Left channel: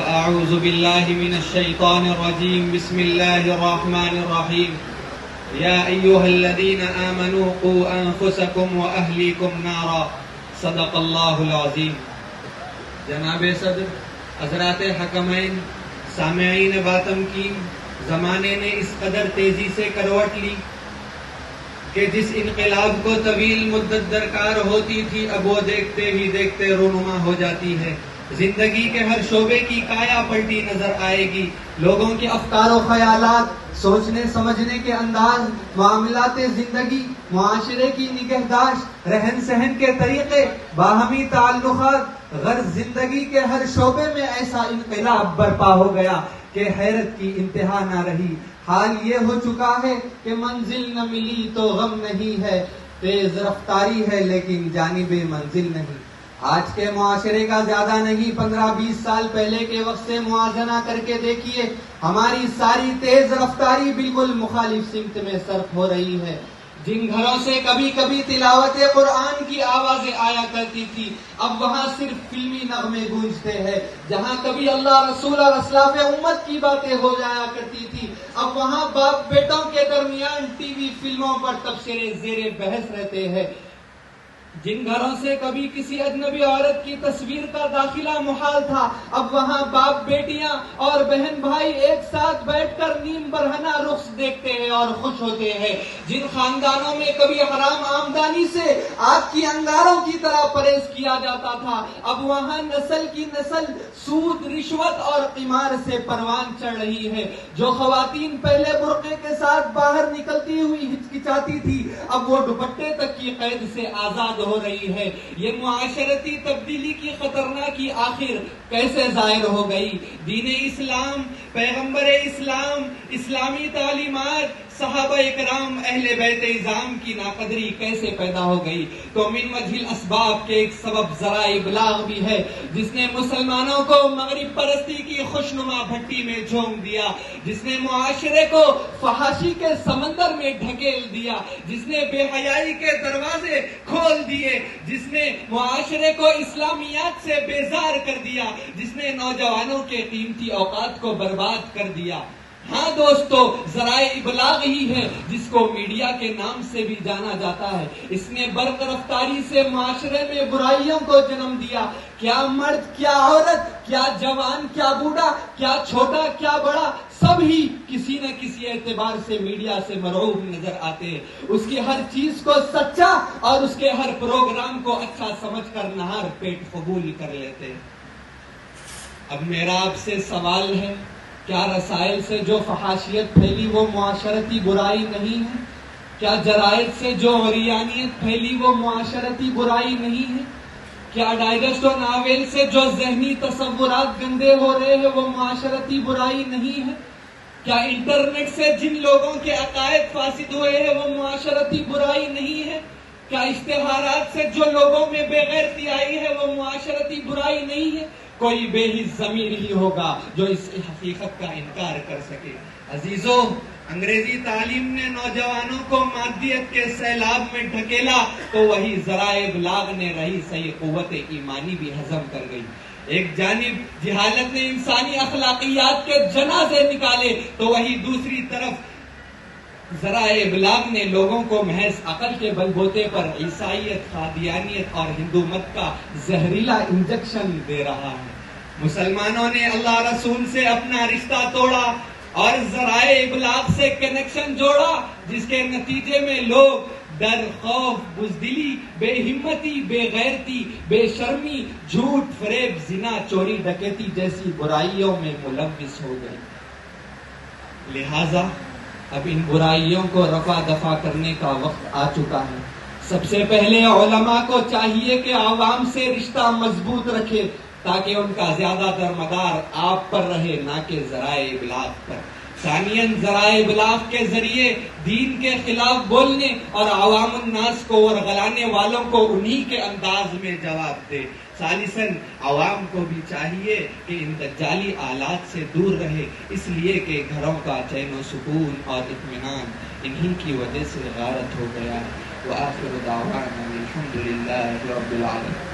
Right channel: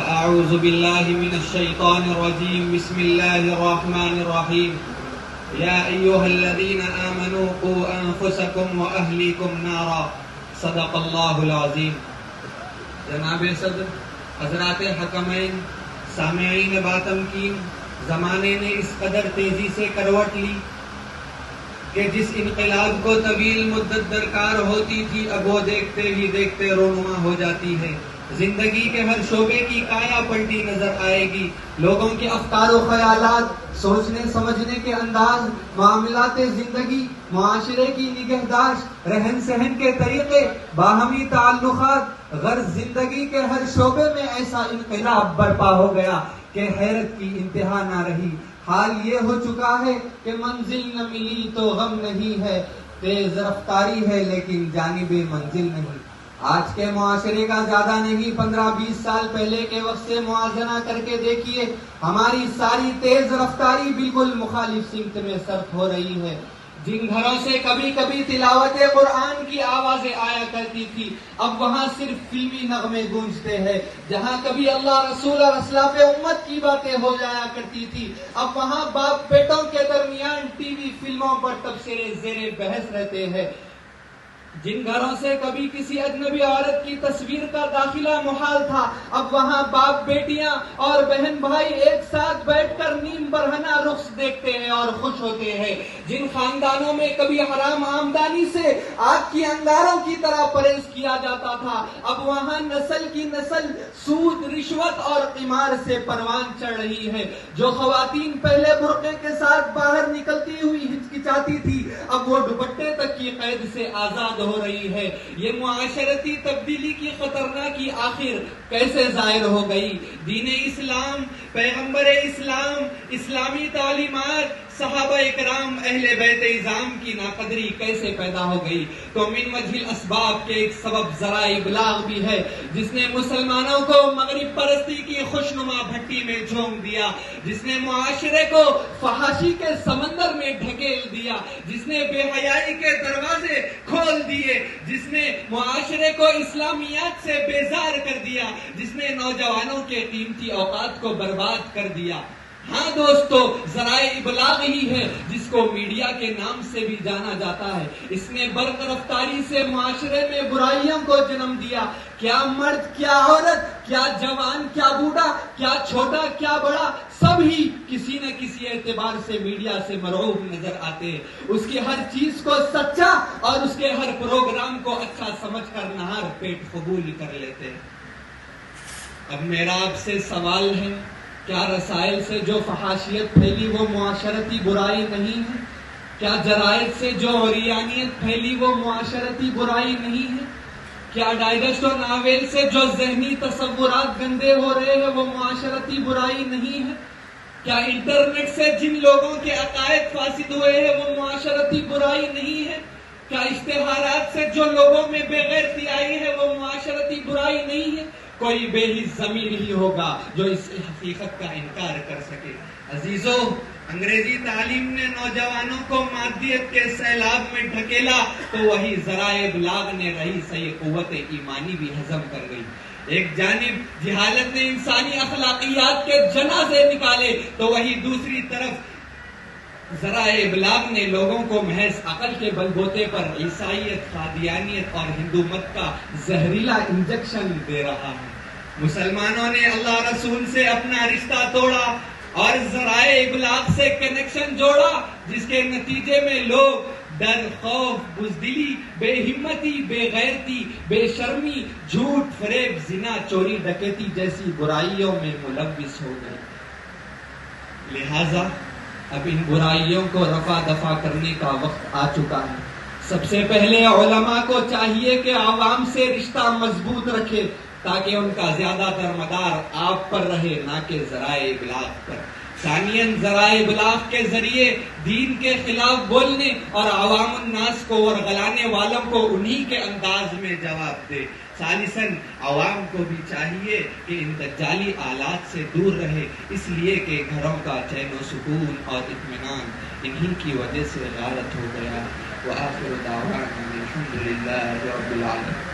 فأعوذ بالله من الشيطان الرجيم بسم الله الرحمن الرحيم يا أيها الذين آمنوا قوا أنفسكم وأهليكم نارا صدق الله العظيم. جناب صدر، حضرات حکمین، سامعین باتمکین، زمانے نے اس قدر تیزی سے کروٹ لی کہ جس انقلاب کو طویل مدت درکار ہوتی تھی اب وہ دیکھتے ہی دیکھتے رونما ہو جاتی ہے. زندگی کے ہر شعبے کی کایا پلٹی نظر آئے گی. لوگوں کے افکار و خیالات، سوچنے سمجھنے کے انداز، معاملات زندگی، معاشرے کی نگہداشت، رہن سہن کے طریقے، باہمی تعلقات، غرض زندگی کے ہر شعبے میں ایسا انقلاب برپا ہو گیا کہ حیرت کی انتہا نہ رہی. حال یہ ہو چکا ہے کہ منزل نہ ملی تو غم نہیں ہے، تیز رفتاری ہے لیکن جانب منزل نہیں. آج کے معاشرے کا زیادہ نہیں 15-20 سال پہلے کے وقت سے موازنہ کر کے دیکھیے، ہماری ساری تیز رفتاری بالکل مخالف سمت میں صرف ہو رہی ہے. جن گھروں سے کبھی کبھی تلاوت قرآن کی آوازیں آیا کرتی تھی اب وہاں صرف فلمی نغمے گونجتے ہیں. جہاں کبھی اللہ رسول اور اسلاف امت کی باتیں ہو جایا کرتی تھی اب وہاں باپ بیٹوں کے درمیان ٹی وی فلموں پر تبصرے زیر بحث رہتے ہیں. جن گھروں سے کبھی کسی اجنبی عورت کی تصویر کا داخلہ محال تھا اب وہاں باپ بیٹیاں اور بہن بھائی ایک ساتھ بیٹھ کر نیم برہنہ رخص دیکھتے ہیں اور خوش ہوتے ہیں. جن خاندانوں میں کبھی حرام آمدنی سے آگ کی انگاروں کی طرح پرہیز کیا جاتا تھا اب وہاں نسل کی نسل سود، رشوت اور قمار سے پروان چڑھ رہی ہے. جو خواتین پہلے برقعے کے ساتھ باہر نکلتی ہوئی ہچکچاتی تھی اب وہ دوپٹے تک کی قید سے آزاد ہو رہی ہے. یہ معاشرتی تبدیلی کی خطرناک آخر کیسے ظاہر ہو گئی؟ دین اسلام، پیغمبر اسلام، اسلامی تعلیمات، صحابہ اکرام، اہل بیت اعظام کی ناقدری کیسے پیدا ہو گئی؟ تو من وجہ الاسباب کے ایک سبب ذرائع ابلاغ بھی ہے جس نے مسلمانوں کو مغرب پرستی کی خوشنما بھٹی میں جھونک دیا، جس نے معاشرے کو فحاشی کے سمندر میں ڈھکیل دیا، جس نے بے حیائی کے دروازے کھول دیے، جس نے معاشرے کو اسلامیات سے بیزار کر دیا، جس نے نوجوانوں کے قیمتی اوقات کو برباد کر دیا. ہاں دوستو، ذرائع ابلاغ ہی ہے جس کو میڈیا کے نام سے بھی جانا جاتا ہے. اس نے برق رفتاری سے معاشرے میں برائیوں کو جنم دیا. کیا مرد، کیا عورت، کیا جوان، کیا بوڑھا، کیا چھوٹا، کیا بڑا، سب ہی کسی نہ کسی اعتبار سے میڈیا سے مرعوب نظر آتے ہیں. اس کی ہر چیز کو سچا اور اس کے ہر پروگرام کو اچھا سمجھ کر نہار پیٹ قبول کر لیتے ہیں. اب میرا آپ سے سوال ہے، کیا رسائل سے جو فحاشیت پھیلی وہ معاشرتی برائی نہیں ہے؟ کیا جرائد سے جو عریانیت پھیلی وہ معاشرتی برائی نہیں ہے؟ کیا ڈائجسٹ و ناول سے جو ذہنی تصورات گندے ہو رہے ہیں وہ معاشرتی برائی نہیں ہے؟ کیا انٹرنیٹ سے جن لوگوں کے عقائد فاسد ہوئے ہیں وہ معاشرتی برائی نہیں ہے؟ کیا اشتہارات سے جو لوگوں میں بے غیرتی آئی ہے وہ معاشرتی برائی نہیں ہے؟ کوئی بے حس ضمیر ہی ہوگا جو اس حقیقت کا انکار کر سکے. عزیزو، انگریزی تعلیم نے نوجوانوں کو مادیت کے سیلاب میں ڈھکیلا تو وہی ذرائع ابلاغ نے رہی صحیح قوت ایمانی بھی ہضم کر گئی. ایک جانب جہالت نے انسانی اخلاقیات کے جنازے نکالے تو وہی دوسری طرف ذرائع ابلاغ نے لوگوں کو محض عقل کے بل بوتے پر عیسائیت، قادیانیت اور ہندو مت کا زہریلا انجیکشن دے رہا ہے. مسلمانوں نے اللہ رسول سے اپنا رشتہ توڑا اور ذرائع ابلاغ سے کنیکشن جوڑا جس کے نتیجے میں لوگ ڈر، خوف، بزدلی، بے ہمتی، بے غیرتی، بے شرمی، جھوٹ، فریب، زنا، چوری، ڈکیتی جیسی برائیوں میں ملوث ہو گئے. لہذا اب ان برائیوں کو رفع دفع کرنے کا وقت آ چکا ہے. سب سے پہلے علماء کو چاہیے کہ عوام سے رشتہ مضبوط رکھے تاکہ ان کا زیادہ تر مدار آپ پر رہے نہ کہ ذرائع ابلاغ پر. ثانیاً ذرائع ابلاغ کے ذریعے دین کے خلاف بولنے اور عوام الناس کو ورغلانے والوں کو انہی کے انداز میں جواب دے. ثالثاً عوام کو بھی چاہیے کہ ان دجالی آلات سے دور رہے، اس لیے کہ گھروں کا چین و سکون اور اطمینان انہی کی وجہ سے غارت ہو گیا. وآخر دعوانا الحمد للہ رب العالمین.